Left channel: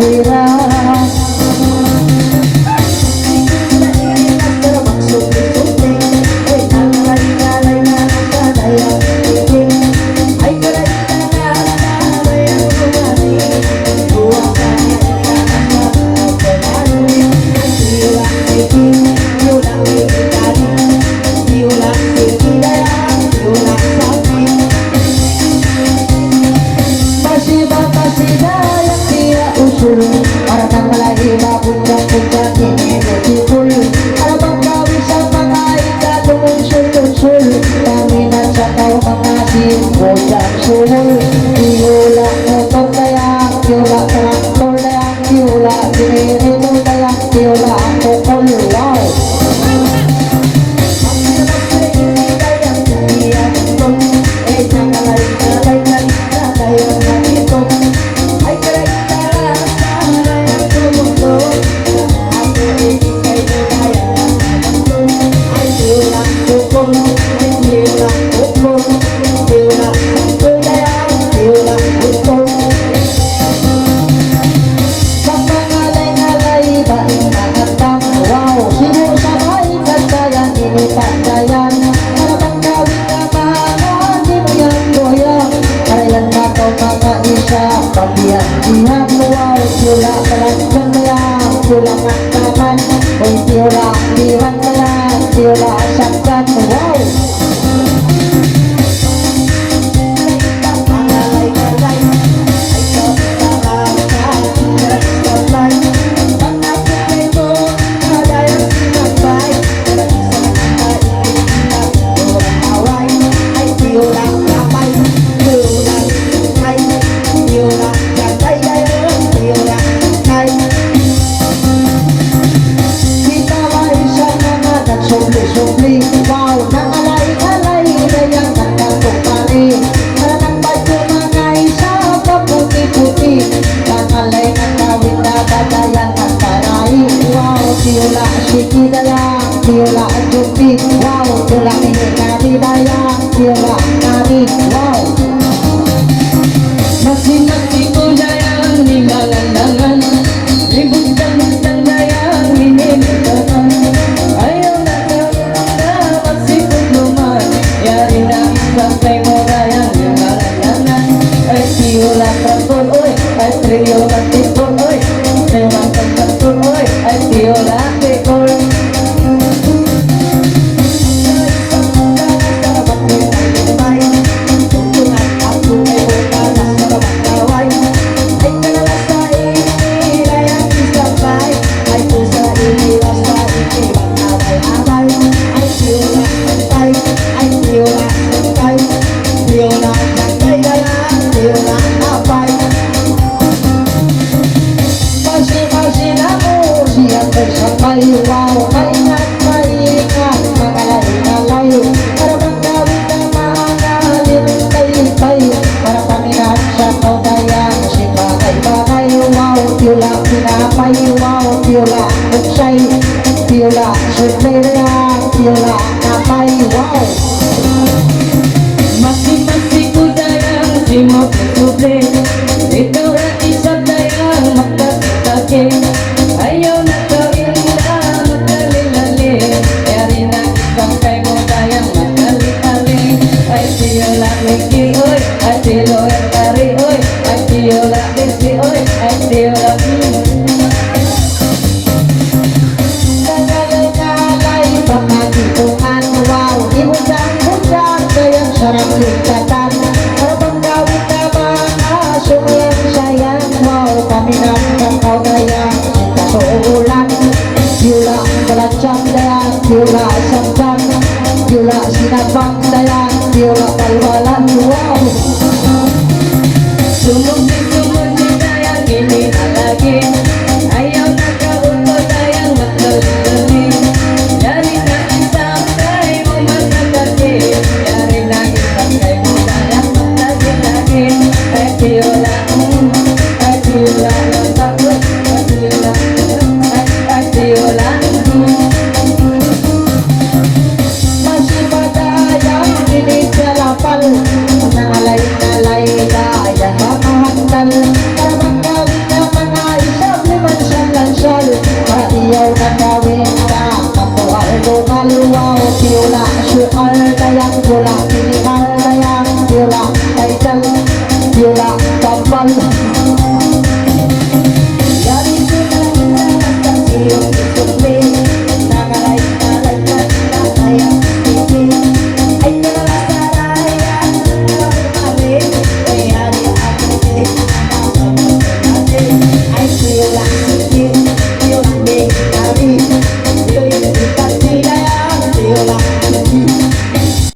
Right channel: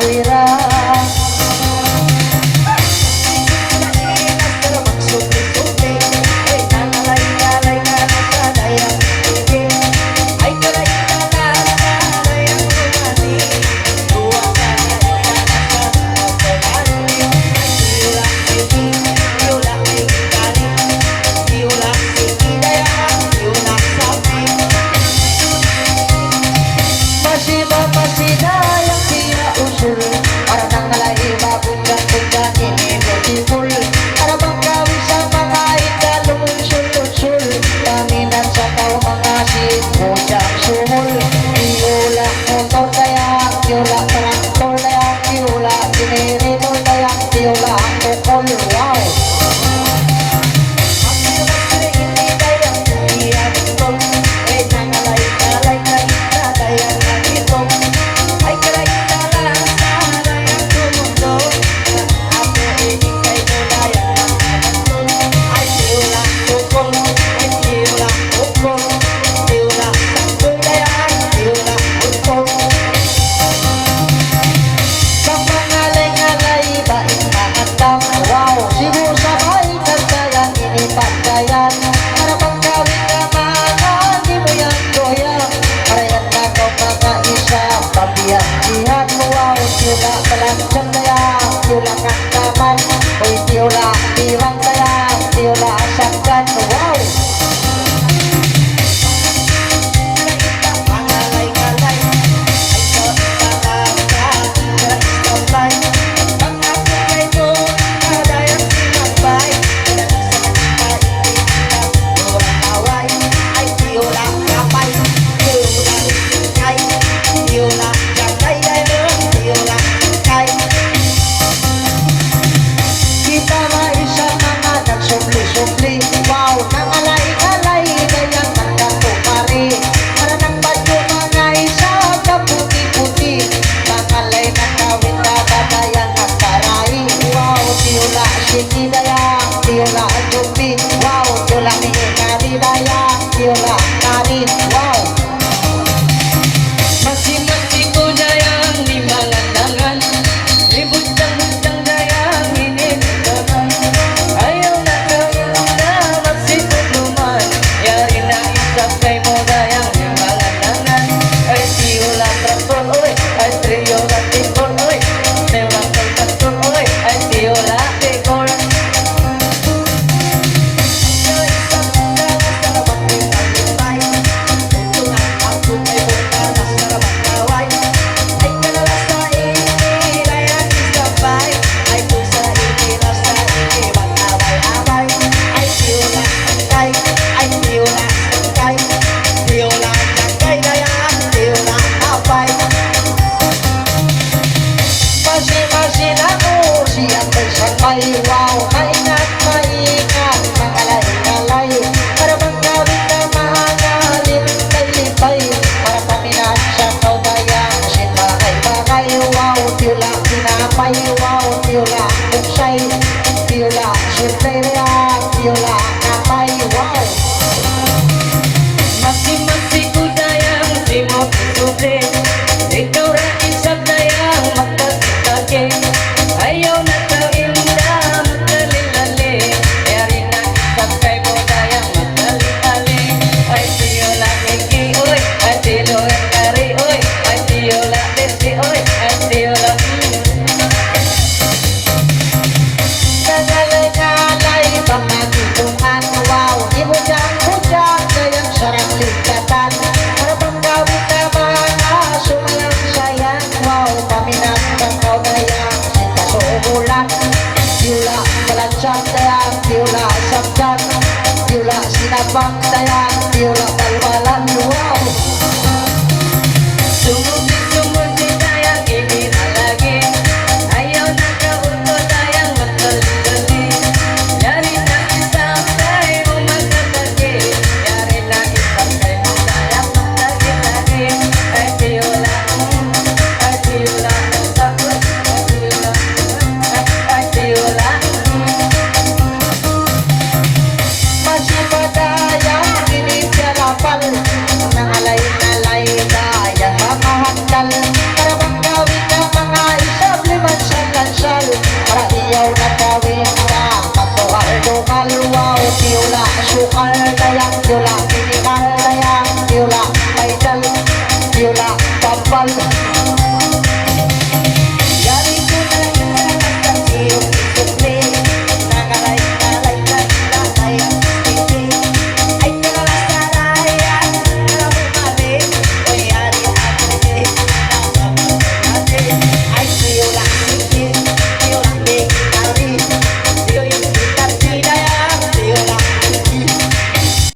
wira. Para tanggalay mabunggan-bunggan ini beautiful. Para pagkawin sa pagkain sa lumunsul-lunsul. Kaminan sa tao mga sinbojang sumul. Tiyula motor dayang, tiyula traktor dayang, tiyula generator dayang, tiyula kokol. Wow! Lihat wow, tiyula balaksan dayang, tiyula kaktaman, oy tiyula dirang dayang, tiyula saksan, wow. Wow, nangalay-alay dayang nagkakupari. Malanang badyo mga isa kaputi-puti. Nangalay nakawin na badayang nagkaray. Wow, tiyula siki dayang, tiyula jupi. Wow, tiyula mihikari dayang, tiyula kari. Wow, masing-masing ko dayang limalandangan. Libutang-butang dayang hinibutakan. Ayaw na sampai moda yang limalandangan. Ay tiyula traktor oy, ay tiyula tipor oy, tiyula traktor oy, ay tiyula tikor. Wow.